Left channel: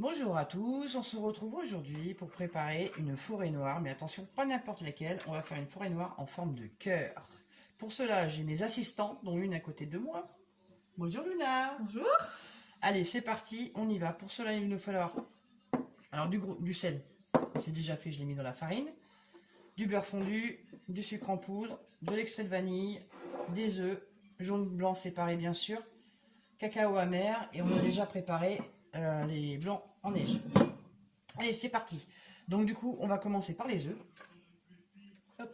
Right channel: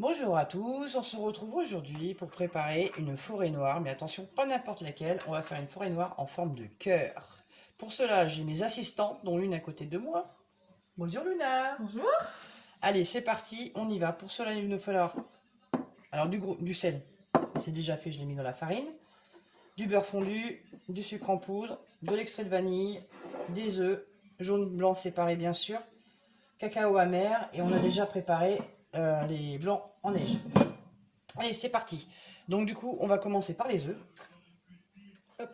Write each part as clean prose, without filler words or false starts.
Bonjour à tous, on se retrouve aujourd'hui pour préparer une forêt noire, mais attention, pas n'importe laquelle, on va faire une forêt noire en forme de cœur. Pour cela, j'ai mes assistants, dont l'une à côté de moi. Bonjour Luna. Bonjour. Allez, c'est parti, on y va. Pour cela, il nous falloir alors du sel, c'est déjà fait, je l'ai mis dans la farine, du beurre fondu, du sucre en poudre, de l'extrait de vanille, des œufs, jaune, blanc séparés bien sûr, cacao amer, et on a déjà préparé les blancs en neige. Allez, c'est parti. Donc du coup, on va commencer par les œufs. Hop,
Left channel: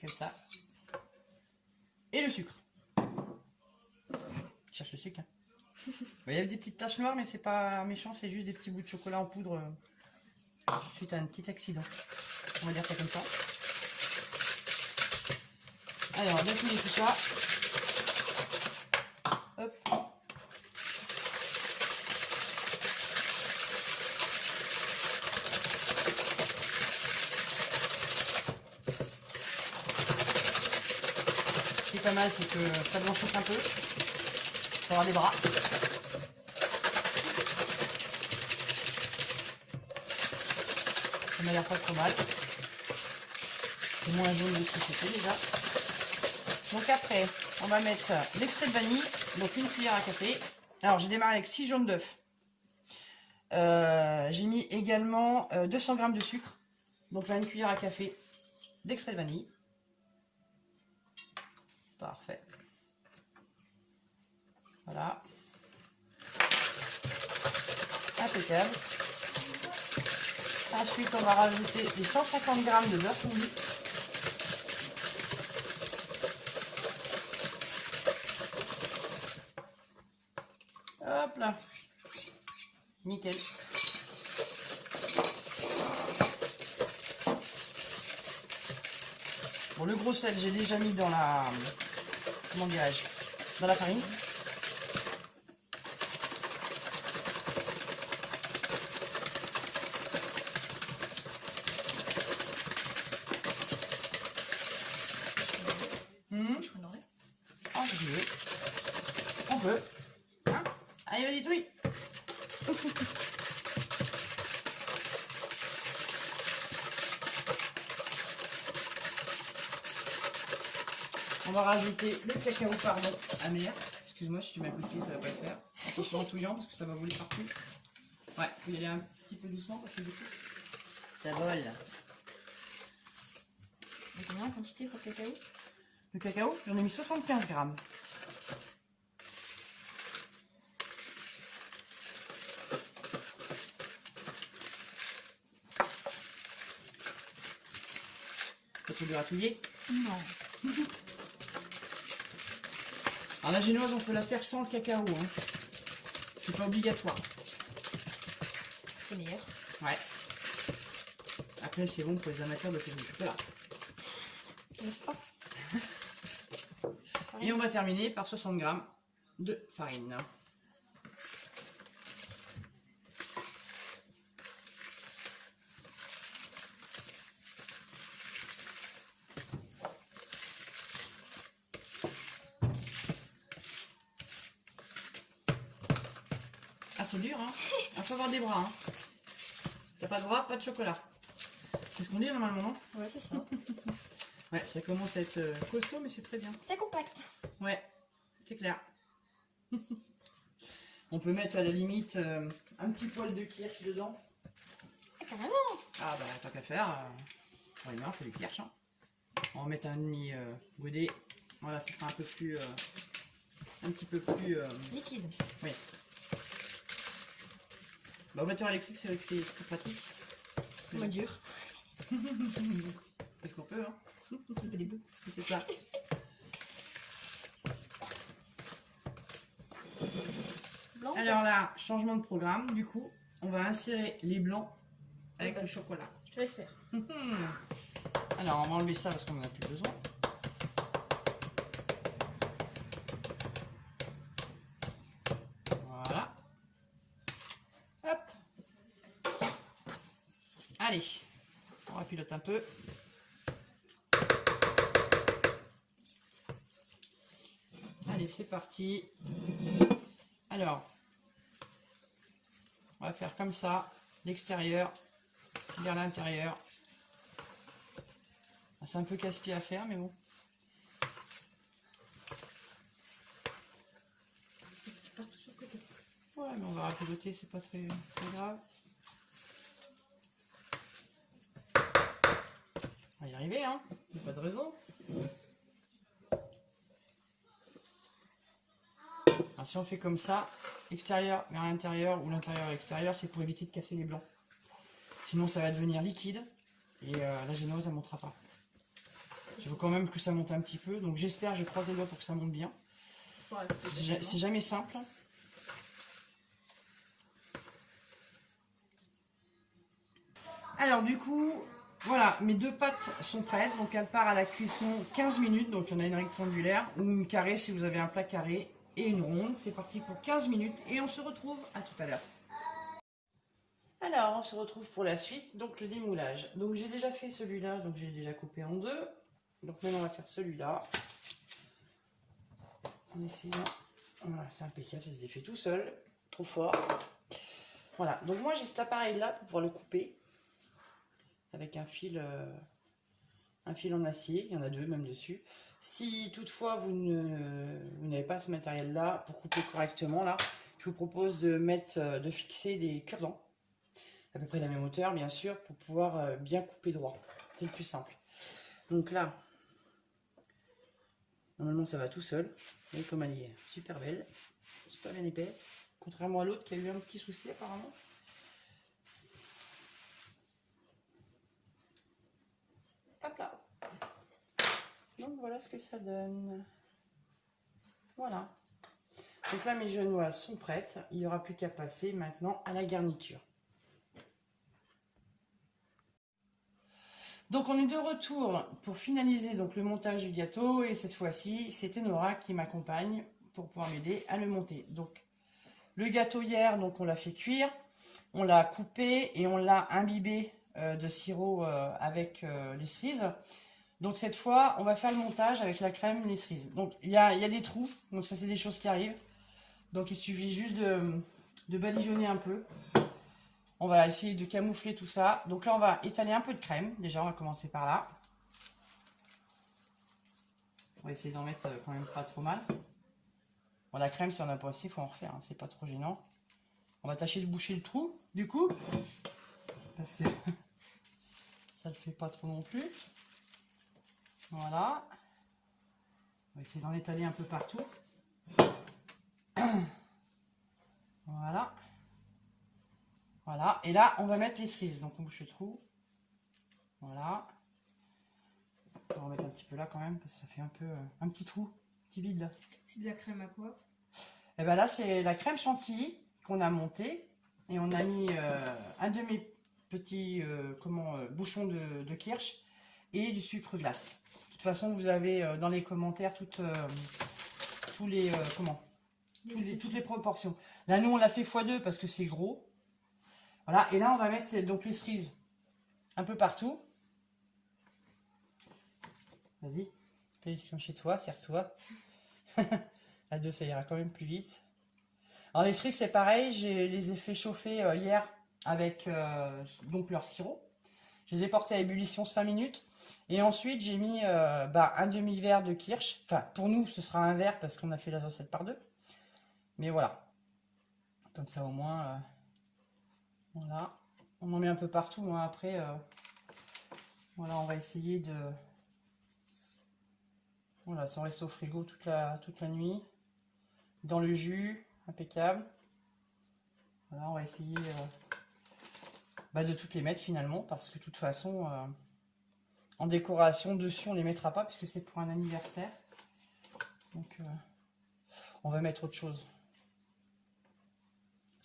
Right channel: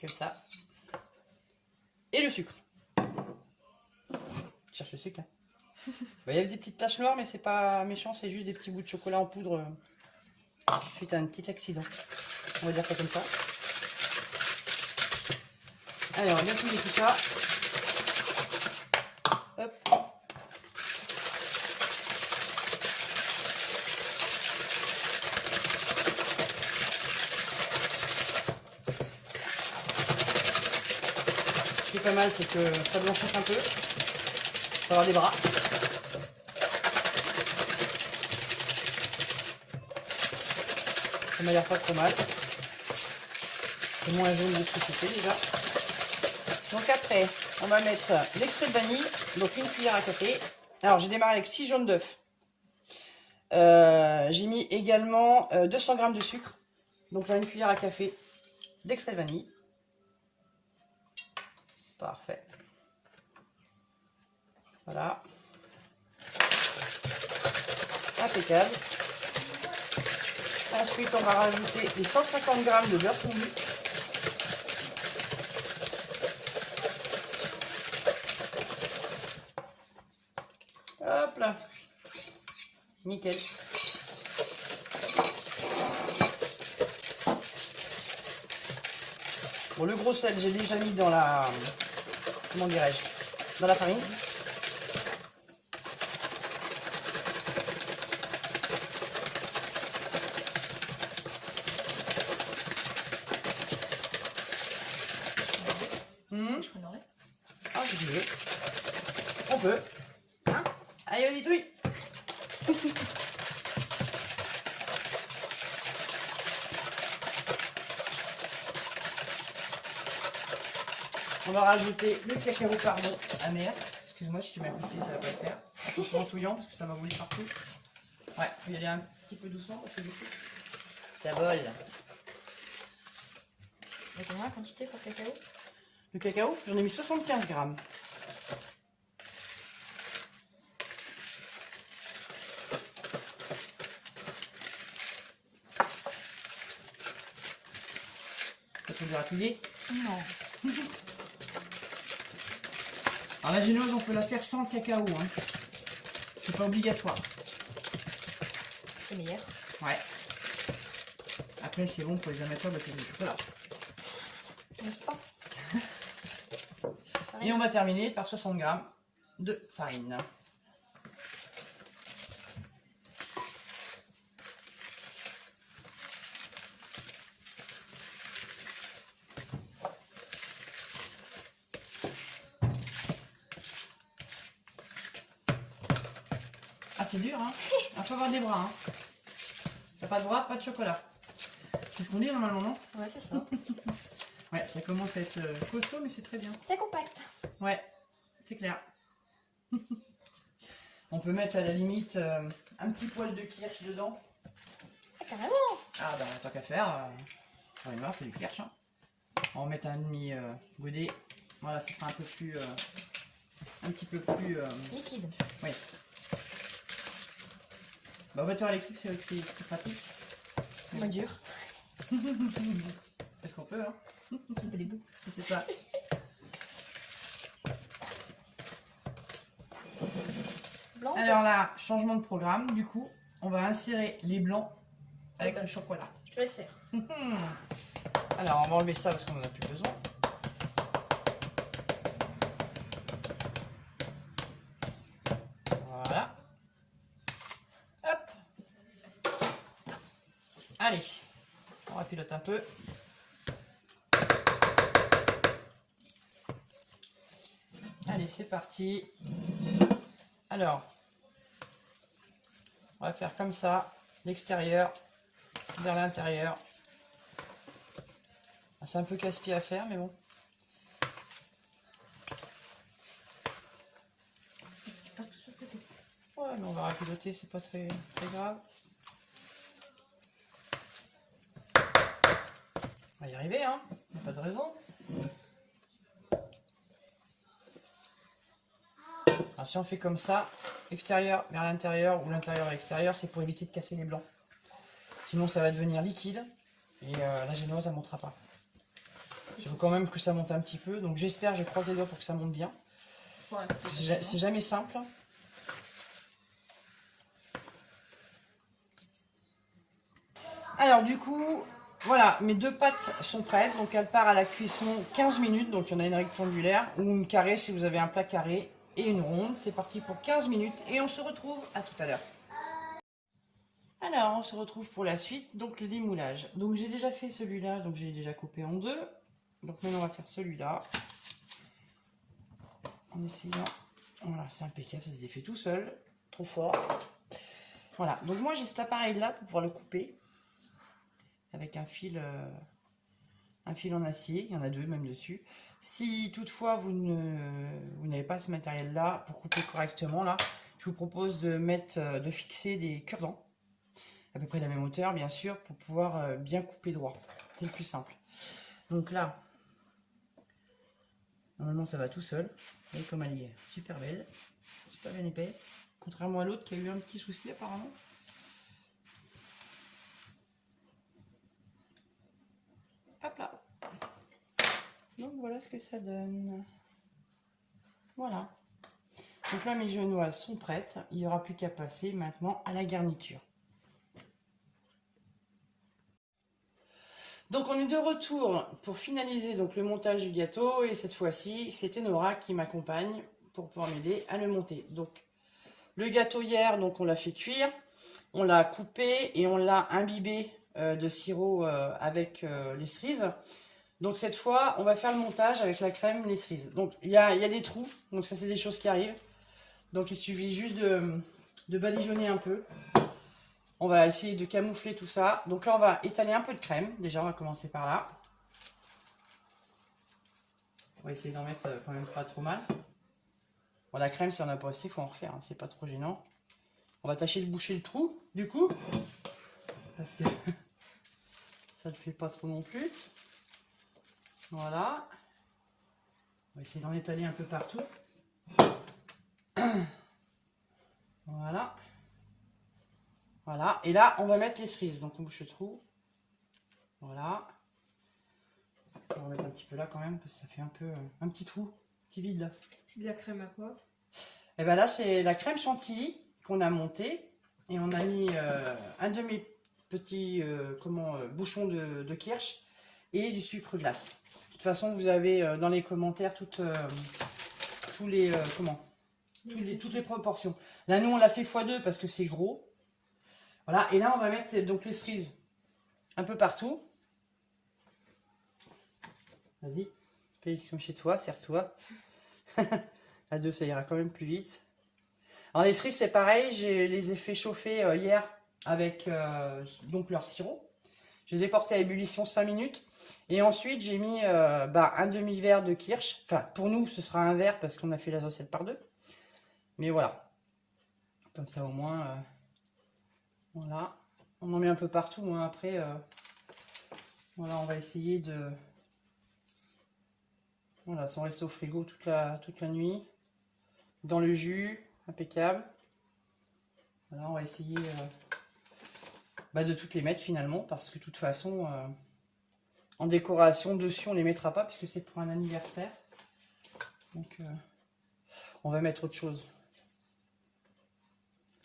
comme ça. Et le sucre. Je cherche le sucre. Hein. Il y a des petites taches noires, mais c'est pas méchant, c'est juste des petits bouts de chocolat en poudre suite à un petit accident. On va dire ça comme ça. Allez, on va bien couler tout ça. Hop. Ce qui est pas mal, c'est que ça blanchisse un peu. Ça aura des bras. Ça m'a l'air pas trop mal. C'est moins jaune de ce que c'était déjà. Donc après, on va mettre l'extrait de vanille, donc une cuillère à café. Alors j'ai démarré avec 6 jaunes d'œufs. J'ai mis également 200 g de sucre. Donc là, une cuillère à café d'extrait de vanille. Parfait. Voilà. Impeccable. Ensuite, on va rajouter les 150 g de beurre fondu. Hop là. Nickel. Bon, le gros sel, j'ai déjà mis dans la... Comment dirais-je? Dans la farine. Ah, si tu veux. On peut. Hein? Allez, vas-y, touille. On va rajouter le cacao amer. Excuse-moi si tu m'as coupé, ça va pas le faire. Attention en touillant parce que ça va voler partout. Ouais, faut y aller un petit peu doucement parce que du coup, ça vole. Il y a combien en quantité pour le cacao? Le cacao, j'en ai mis 75 grammes. Ça fait gratouiller? Non. Alors la génoise, on peut la faire sans cacao. Hein. C'est pas obligatoire. C'est meilleur. Ouais. Après, c'est bon pour les amateurs de faire du chocolat. N'est-ce pas? Et on va terminer par 60 g de farine. Ah, c'est dur, hein? Il faut avoir des bras, hein? T'as pas de bras, pas de chocolat. C'est ce qu'on dit normalement, non? Ouais, c'est ça. Ouais, ça commence à être costaud, mais c'est très bien. C'est compact. Ouais, c'est clair. On peut mettre à la limite un petit poil de kirsch dedans. Ah, carrément. Ah bah tant qu'à faire, on fait du kirsch. Hein. On va mettre un demi godet. Voilà, ça sera un peu plus, un petit peu plus liquide. Oui. Bah, au batteur électrique, c'est vrai que c'est plus pratique. Moins dur. Parce qu'on peut, hein. On fait des bouts. C'est ça. Blanc. Alors là, changement de programme. Du coup, on va insérer les blancs avec le chocolat. Je te laisse faire. Alors, on va enlever ça parce qu'on n'en a plus besoin. Voilà. Hop. Allez, on rapilote un peu. Allez, c'est parti. Alors, On va faire comme ça, l'extérieur vers l'intérieur. C'est un peu casse-pied à faire, mais bon. Tu pars tout sur le côté. Ouais, mais on va rapiloter, c'est pas très grave. On va y arriver, hein. Il n'y a pas de raison. Alors, si on fait comme ça, extérieur vers l'intérieur ou l'intérieur à l'extérieur, c'est pour éviter de casser les blancs. Sinon, ça va devenir liquide et la génoise, elle ne montera pas. Je veux quand même que ça monte un petit peu, donc j'espère, je croise les doigts pour que ça monte bien. Voilà, C'est jamais simple. Alors du coup, voilà, mes deux pâtes sont prêtes, donc elles partent à la cuisson 15 minutes, donc il y en a une rectangulaire ou une carrée si vous avez un plat carré et une ronde. C'est parti pour 15 minutes et on se retrouve à tout à l'heure. Alors on se retrouve pour la suite, donc le démoulage. Donc j'ai déjà fait celui-là, donc j'ai déjà coupé en deux. Donc maintenant on va faire celui-là. En essayant, voilà, c'est impeccable, ça se défait tout seul, trop fort. Voilà, donc moi j'ai cet appareil là pour pouvoir le couper avec un fil en acier, il y en a deux même dessus. Si toutefois vous n'avez pas ce matériel là pour couper correctement là, je vous propose de fixer des cure-dents à peu près de la même hauteur bien sûr pour pouvoir bien couper droit. C'est le plus simple. Donc là, normalement ça va tout seul. Vous voyez comme elle est super belle, super bien épaisse, contrairement à l'autre qui a eu un petit souci apparemment. Hop là. Donc voilà ce que ça donne. Voilà. Donc là mes genoises sont prêtes. Il n'y aura plus qu'à passer maintenant à la garniture. Donc on est de retour pour finaliser donc le montage du gâteau et cette fois-ci c'était Nora qui m'accompagne pour pouvoir m'aider à le monter. Donc le gâteau hier, donc on l'a fait cuire, on l'a coupé et on l'a imbibé de sirop avec les cerises. Donc cette fois, on va faire le montage avec la crème, les cerises. Donc il y a des trous, donc ça c'est des choses qui arrivent. Donc il suffit juste de badigeonner un peu. On va essayer de camoufler tout ça. Donc là on va étaler un peu de crème. Déjà on va commencer par là. On va essayer d'en mettre quand même pas trop mal. Bon, la crème si on n'a pas aussi, il faut en refaire, hein, c'est pas trop gênant. On va tâcher de boucher le trou du coup. Parce que ça ne le fait pas trop non plus. Voilà. On va essayer d'en étaler un peu partout. Voilà. Voilà. Et là, on va mettre les cerises. Donc, on bouche le trou. Voilà. On va mettre un petit peu là quand même, parce que ça fait un peu un petit trou, un petit vide là. C'est de la crème à quoi? Et ben là, c'est la crème chantilly qu'on a montée. Et on a mis un demi-petit bouchon de kirsch et du sucre glace. De toute façon, vous avez dans les commentaires toutes les proportions. Là, nous, on l'a fait x2 parce que c'est gros. Voilà, et là, on va mettre donc les cerises un peu partout. Vas-y, fais comme chez toi, serre-toi. À deux, ça ira quand même plus vite. Alors, les cerises, c'est pareil, je les ai fait chauffer hier avec donc leur sirop. Je les ai portés à ébullition 5 minutes. Et ensuite, j'ai mis un demi-verre de kirsch. Enfin, pour nous, ce sera un verre parce qu'on a fait la recette par deux. Mais voilà. Comme ça, au moins, voilà. On en met un peu partout. Moi, après, voilà, on va essayer de... Voilà, ça reste au frigo toute la nuit. Dans le jus, impeccable. Voilà, on va essayer de toutes les mettre finalement. Parce que de toute façon... en décoration dessus on les mettra pas puisque c'est pour un anniversaire, donc on va mettre autre chose.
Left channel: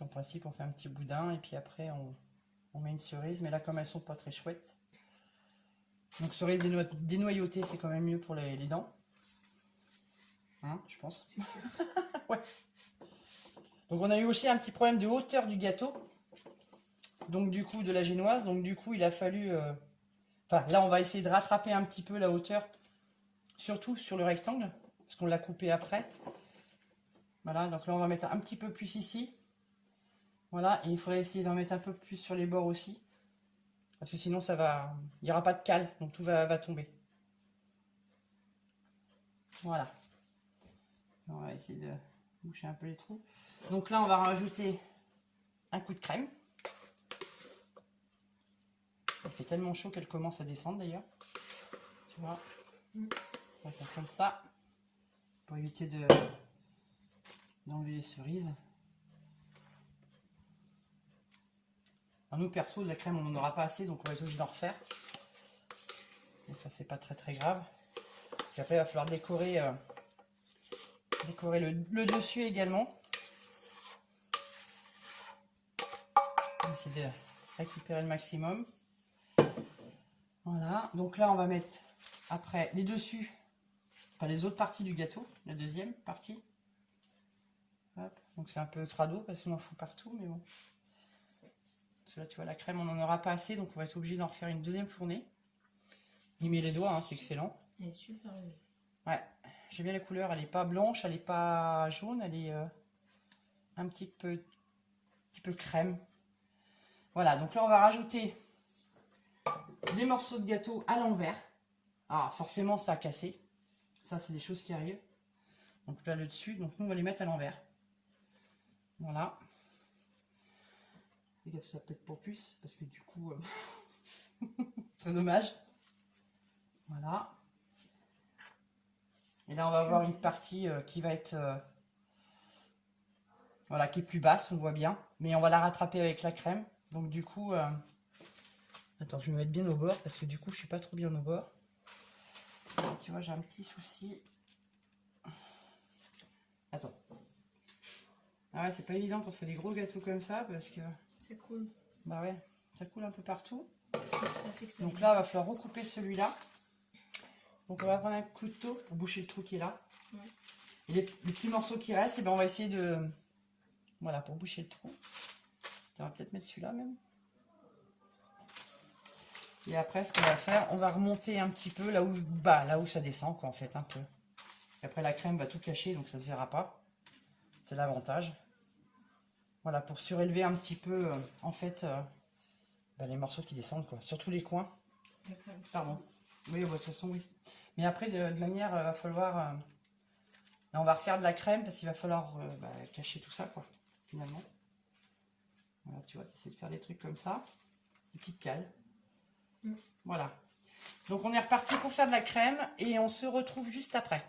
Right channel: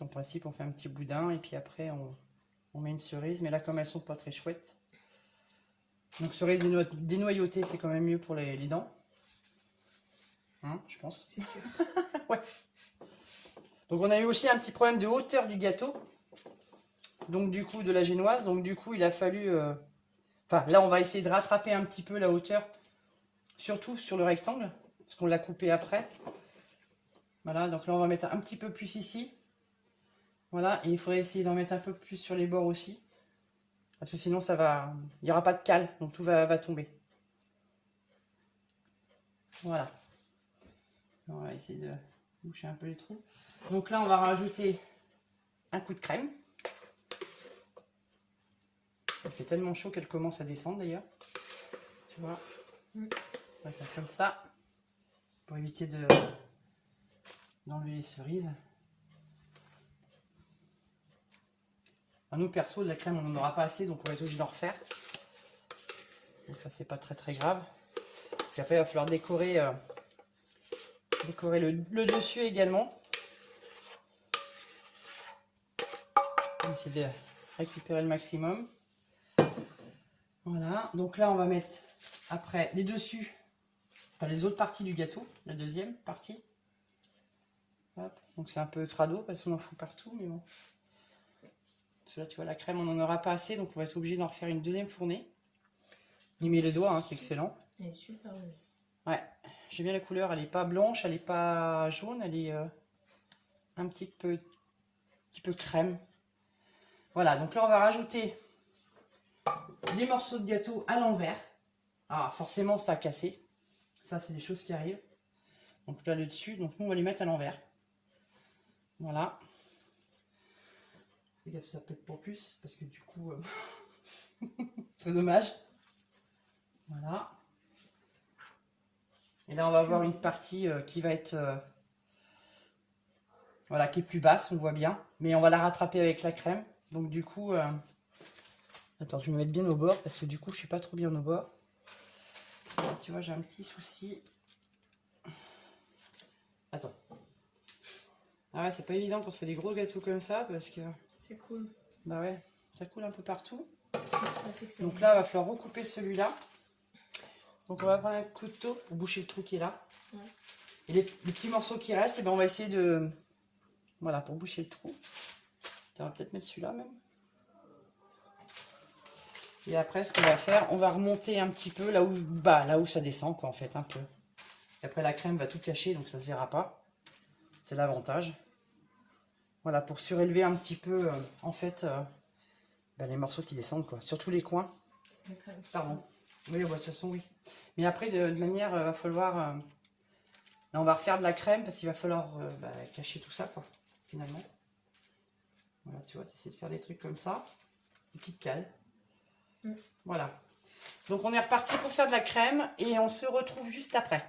En principe on fait un petit boudin et puis après on met une cerise, mais là comme elles sont pas très chouettes, donc cerise dénoyautée c'est quand même mieux pour les dents, hein, je pense. C'est sûr. Ouais. Donc on a eu aussi un petit problème de hauteur du gâteau, donc du coup de la génoise, donc du coup il a fallu enfin, là, on va essayer de rattraper un petit peu la hauteur, surtout sur le rectangle, parce qu'on l'a coupé après. Voilà, donc là, on va mettre un petit peu plus ici. Voilà, et il faudrait essayer d'en mettre un peu plus sur les bords aussi. Parce que sinon, ça va... Il n'y aura pas de cale, donc tout va tomber. Voilà. On va essayer de boucher un peu les trous. Donc là, on va rajouter un coup de crème. Il fait tellement chaud qu'elle commence à descendre d'ailleurs. Tu vois. On va faire comme ça. Pour éviter d'enlever les cerises. Nous perso, de la crème, on n'en aura pas assez, donc on va être obligé d'en refaire. Donc ça, c'est pas très grave. Parce qu'après, il va falloir décorer le dessus également. On va essayer de récupérer le maximum. Voilà, donc là, on va mettre après les dessus, enfin les autres parties du gâteau, la deuxième partie. Hop. Donc c'est un peu crado parce qu'on en fout partout, mais bon. Parce que là, tu vois, la crème, on n'en aura pas assez, donc on va être obligé d'en refaire une deuxième fournée. Y met les doigts, hein, c'est excellent. Elle est super jolie. Ouais, j'aime bien la couleur, elle n'est pas blanche, elle n'est pas jaune, elle est un petit peu crème. Voilà, donc là, on va rajouter des morceaux de gâteau à l'envers. Ah, forcément, ça a cassé. Ça, c'est des choses qui arrivent. Donc là, le dessus, donc nous, on va les mettre à l'envers. Voilà. Fais gaffe, ça pète pour plus, parce que du coup, c'est dommage. Voilà. Et là, on va avoir une partie qui va être... voilà, qui est plus basse, on voit bien. Mais on va la rattraper avec la crème. Donc du coup... attends, je vais me mettre bien au bord, parce que du coup, je suis pas trop bien au bord. Tu vois, j'ai un petit souci. Attends. Ah ouais, c'est pas évident quand on fait des gros gâteaux comme ça, parce que... C'est cool. Bah ouais, ça coule un peu partout. C'est Donc là, il va falloir recouper celui-là. Donc on va prendre un couteau pour boucher le trou qui est là. Ouais. Et les petits morceaux qui restent, et ben on va essayer de... Voilà, pour boucher le trou. On va peut-être mettre celui-là même. Et après, ce qu'on va faire, on va remonter un petit peu là où ça descend, quoi, en fait, un peu. Après, la crème va tout cacher, donc ça se verra pas. C'est l'avantage. Voilà, pour surélever un petit peu, en fait, les morceaux qui descendent, quoi. Surtout les coins. Pardon. Oui, de toute façon, oui. Mais après, de manière, il va falloir... là, on va refaire de la crème, parce qu'il va falloir cacher tout ça, quoi, finalement. Voilà, tu vois, tu essaies de faire des trucs comme ça. Une petite cale. Voilà. Donc, on est reparti pour faire de la crème, et on se retrouve juste après.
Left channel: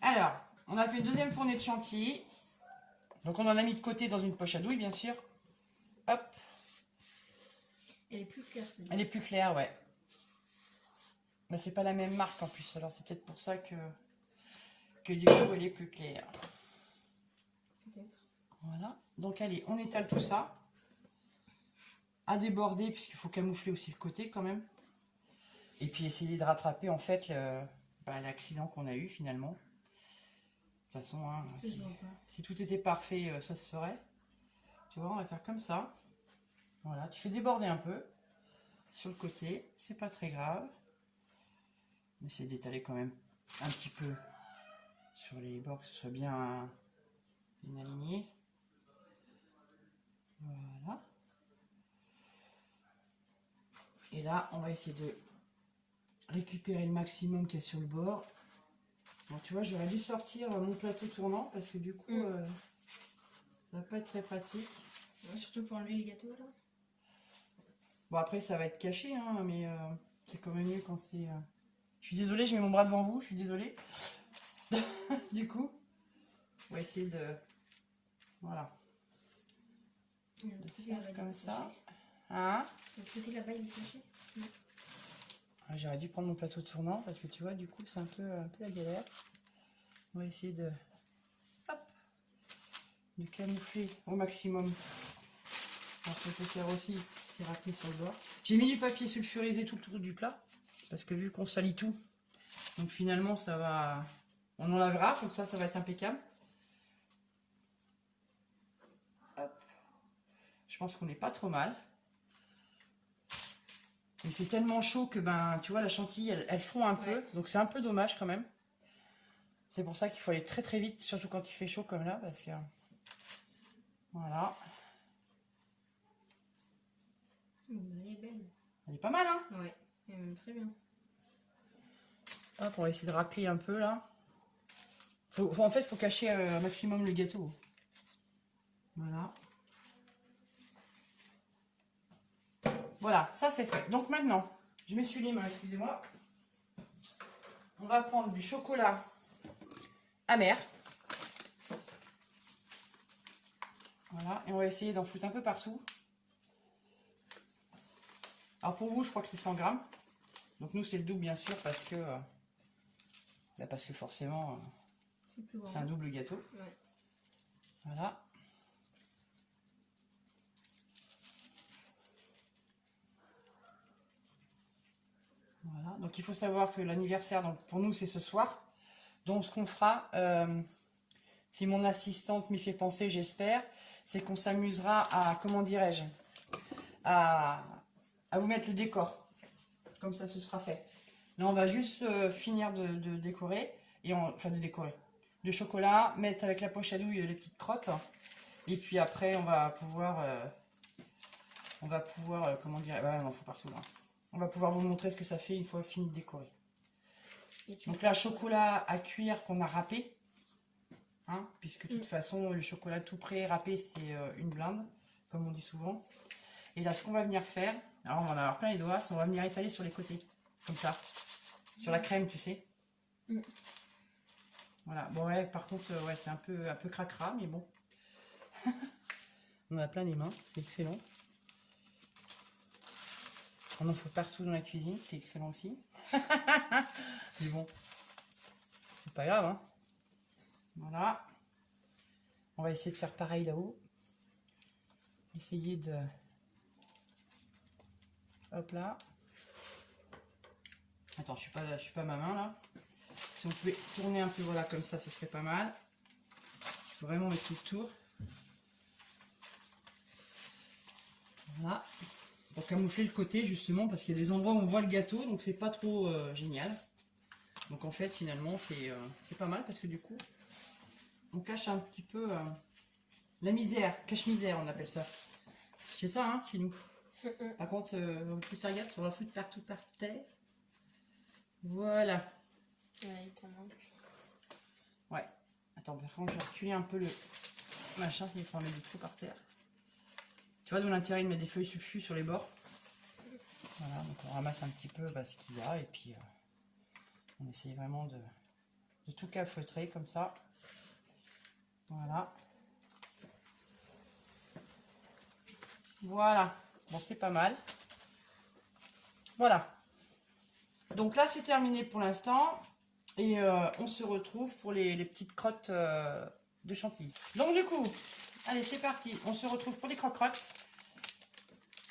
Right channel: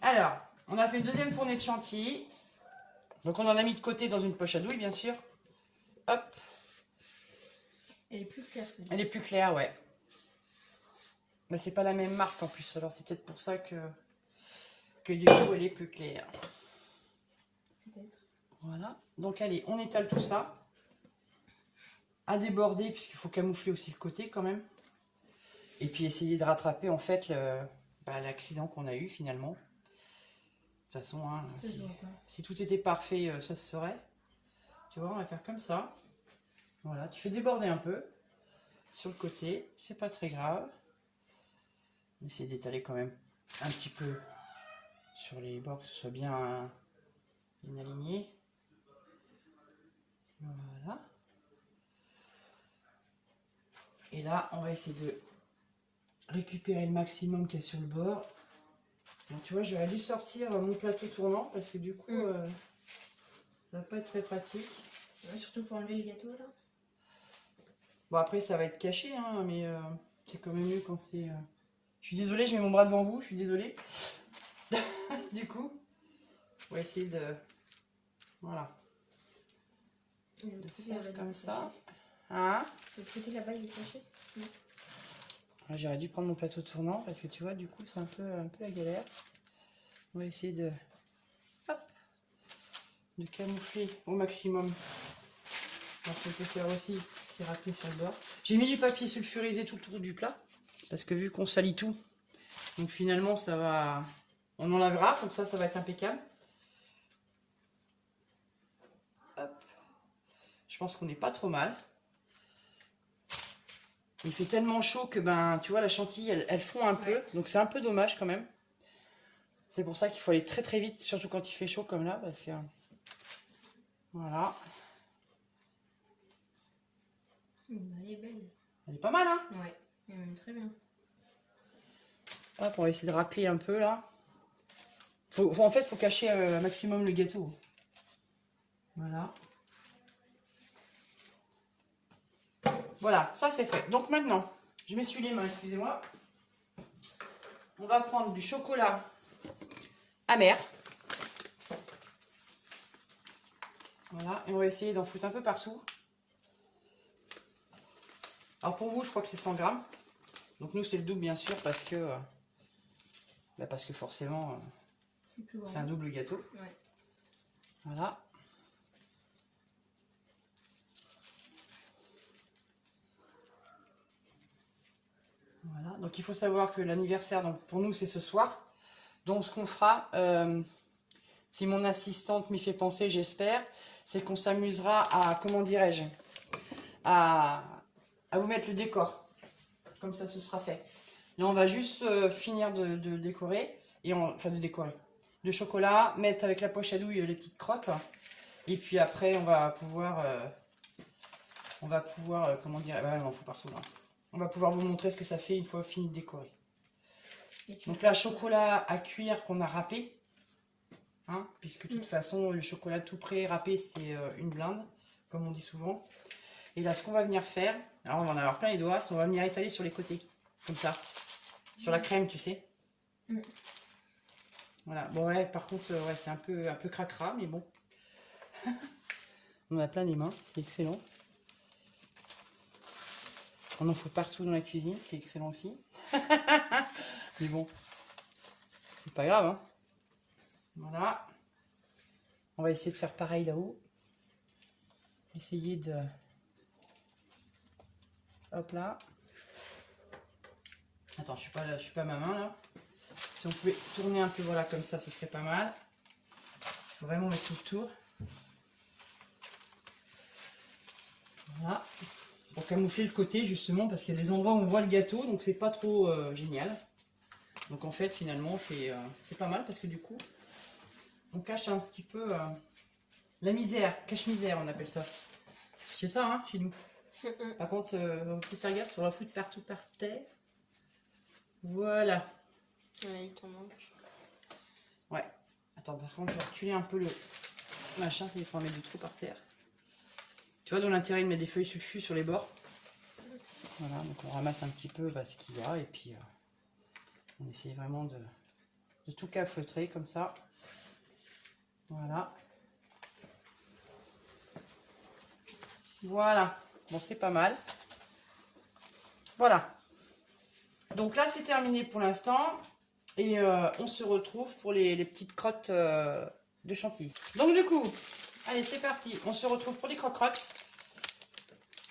Alors, on a fait une deuxième fournée de chantilly. Donc, on en a mis de côté dans une poche à douille, bien sûr. Hop. Elle est plus claire, celle-là. Elle est plus claire, ouais. Mais c'est pas la même marque en plus, alors c'est peut-être pour ça que du coup elle est plus claire. Peut-être. Voilà. Donc allez, on étale tout ça. À déborder, puisqu'il faut camoufler aussi le côté quand même. Et puis essayer de rattraper en fait l'accident qu'on a eu finalement. De toute façon, hein, si tout était parfait, ça se ferait. Tu vois, on va faire comme ça. Voilà, tu fais déborder un peu sur le côté, c'est pas très grave. On essaie d'étaler quand même un petit peu sur les bords, que ce soit bien aligné. Voilà. Et là, on va essayer de récupérer le maximum qu'il y a sur le bord. Alors, tu vois, j'aurais dû sortir mon plateau tournant parce que du coup, ça va pas être très pratique. Ouais, surtout pour enlever les gâteaux là. Bon, après, ça va être caché, hein, mais c'est quand même mieux quand c'est... Je suis désolée, je mets mon bras devant vous, je suis désolée. Du coup, on va essayer de... Voilà. De faire comme ça. Hein? Le côté là-bas, il est caché. J'aurais dû prendre mon plateau tournant parce que tu vois, du coup, c'est un peu la galère. On va essayer de... Hop, de camoufler au maximum. Ce qu'on peut faire aussi, c'est râper sur le bord. J'ai mis du papier sulfurisé tout autour du plat. Parce que vu qu'on salit tout, donc finalement, ça va... On enlèvera, comme ça va être impeccable. Hop. Je pense qu'on n'est pas trop mal. Il fait tellement chaud que, tu vois, la chantilly, elle fond un peu. Donc c'est un peu dommage quand même. C'est pour ça qu'il faut aller très très vite, surtout quand il fait chaud comme là, parce que... Voilà. Elle est belle. Elle est pas mal, hein? Ouais, elle est même très bien. Hop, on va essayer de racler un peu là. En fait, faut cacher un maximum le gâteau. Voilà. Voilà, ça c'est fait. Donc maintenant, je m'essuie les mains, excusez-moi. On va prendre du chocolat amer. Voilà, et on va essayer d'en foutre un peu partout. Alors pour vous, je crois que c'est 100 grammes. Donc nous, c'est le double bien sûr parce que forcément, c'est un double gâteau. Ouais. Voilà. Voilà. Donc il faut savoir que l'anniversaire, donc pour nous, c'est ce soir. Donc ce qu'on fera, si mon assistante m'y fait penser, j'espère, c'est qu'on s'amusera à, comment dirais-je, à vous mettre le décor. Comme ça, ce sera fait. Là, on va juste finir de décorer. Enfin, de décorer. De chocolat, mettre avec la poche à douille les petites crottes. Et puis après, on va pouvoir, comment dire, bah, on fout partout là. On va pouvoir vous montrer ce que ça fait une fois fini de décorer. Donc là, chocolat à cuire qu'on a râpé. Hein, puisque de toute façon, le chocolat tout prêt, râpé, c'est une blinde, comme on dit souvent. Et là, ce qu'on va venir faire, alors on va en avoir plein les doigts, c'est on va venir étaler sur les côtés, comme ça. Sur la crème, tu sais. Voilà, bon ouais, par contre, ouais, c'est un peu cracra, mais bon. On a plein les mains, c'est excellent. On en fout partout dans la cuisine, c'est excellent aussi. Mais bon, c'est pas grave, hein. Voilà. On va essayer de faire pareil là-haut. Essayer de... Hop là. Attends, je suis pas à ma main là. Si on pouvait tourner un peu, voilà, comme ça, ce serait pas mal. Faut vraiment mettre tout le tour. Voilà. Pour camoufler le côté justement, parce qu'il y a des endroits où on voit le gâteau, donc c'est pas trop génial. Donc en fait, finalement, c'est pas mal parce que du coup, on cache un petit peu la misère, cache-misère, on appelle ça. C'est ça, hein, chez nous. Par contre, on peut faire gaffe, on va foutre partout par terre. Voilà. Ouais, il t'en manque. Ouais. Attends, par contre, je vais reculer un peu le machin, il faut en mettre du trou par terre. Tu vois, dans l'intérêt de mettre des feuilles sulfus sur les bords. Voilà, donc on ramasse un petit peu ce qu'il y a et puis on essaye vraiment de tout calfeutrer comme ça. Voilà. Voilà. Bon, c'est pas mal. Voilà. Donc là, c'est terminé pour l'instant. Et on se retrouve pour les petites crottes de chantilly. Donc du coup, allez, c'est parti. On se retrouve pour les croque-crottes.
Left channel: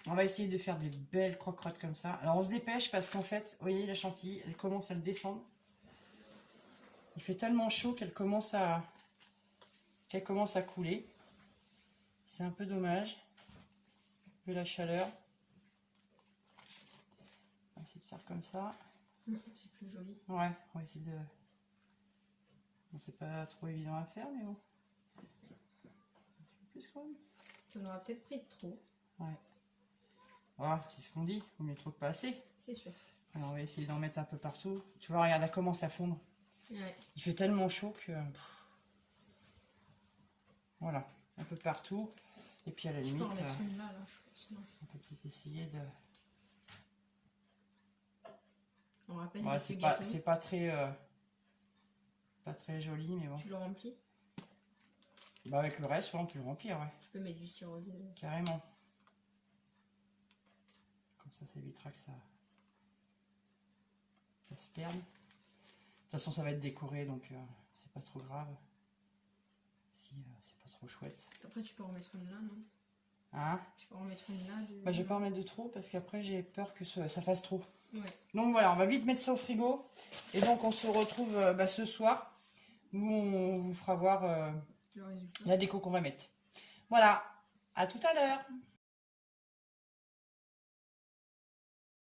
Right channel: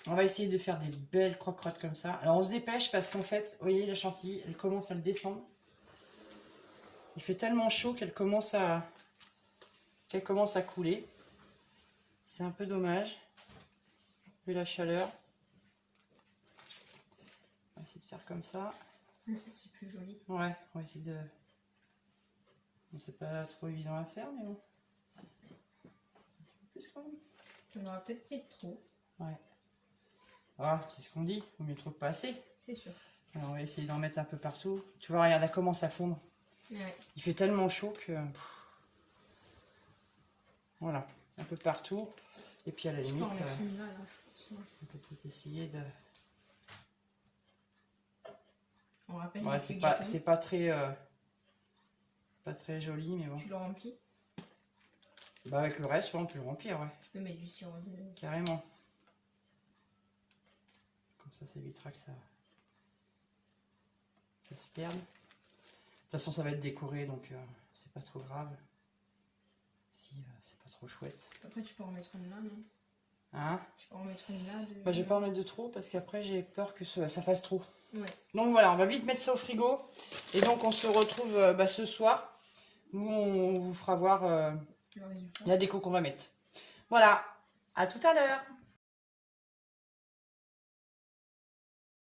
On va essayer de faire des belles croque-crottes comme ça. Alors on se dépêche parce qu'en fait, vous voyez, la chantilly, elle commence à le descendre. Il fait tellement chaud qu'elle commence à couler. C'est un peu dommage. Vu la chaleur. On va essayer de faire comme ça. C'est plus joli. Ouais, on va essayer de... Bon, c'est pas trop évident à faire, mais bon. Plus quand même. Tu en auras peut-être pris trop. Ouais. Ah, c'est ce qu'on dit. Vaut mieux trop que pas assez. C'est sûr. Alors, on va essayer d'en mettre un peu partout. Tu vois, regarde, elle commence à fondre. Ouais. Il fait tellement chaud que... Voilà, un peu partout. Et puis à la limite, Je peux en mettre une là, je pense. on peut peut-être essayer de... On rappelle Ouais, avec c'est le pas, gâteau. c'est pas très joli, mais bon. Tu le remplis. Bah avec le reste, ouais, on peut le remplir, ouais. Tu peux mettre du sirop de... Carrément. Comme ça évitera que ça se perde. De toute façon, ça va être décoré, donc c'est pas trop grave. Si c'est pas trop chouette. Après, tu peux en mettre une là, non? Hein? Tu peux en mettre une là. Bah, je vais pas en mettre de trop parce qu'après j'ai peur que ça fasse trop. Ouais. Donc voilà, on va vite mettre ça au frigo. Et donc on se retrouve ce soir où on vous fera voir Le résultat. la déco qu'on va mettre. Voilà, à tout à l'heure.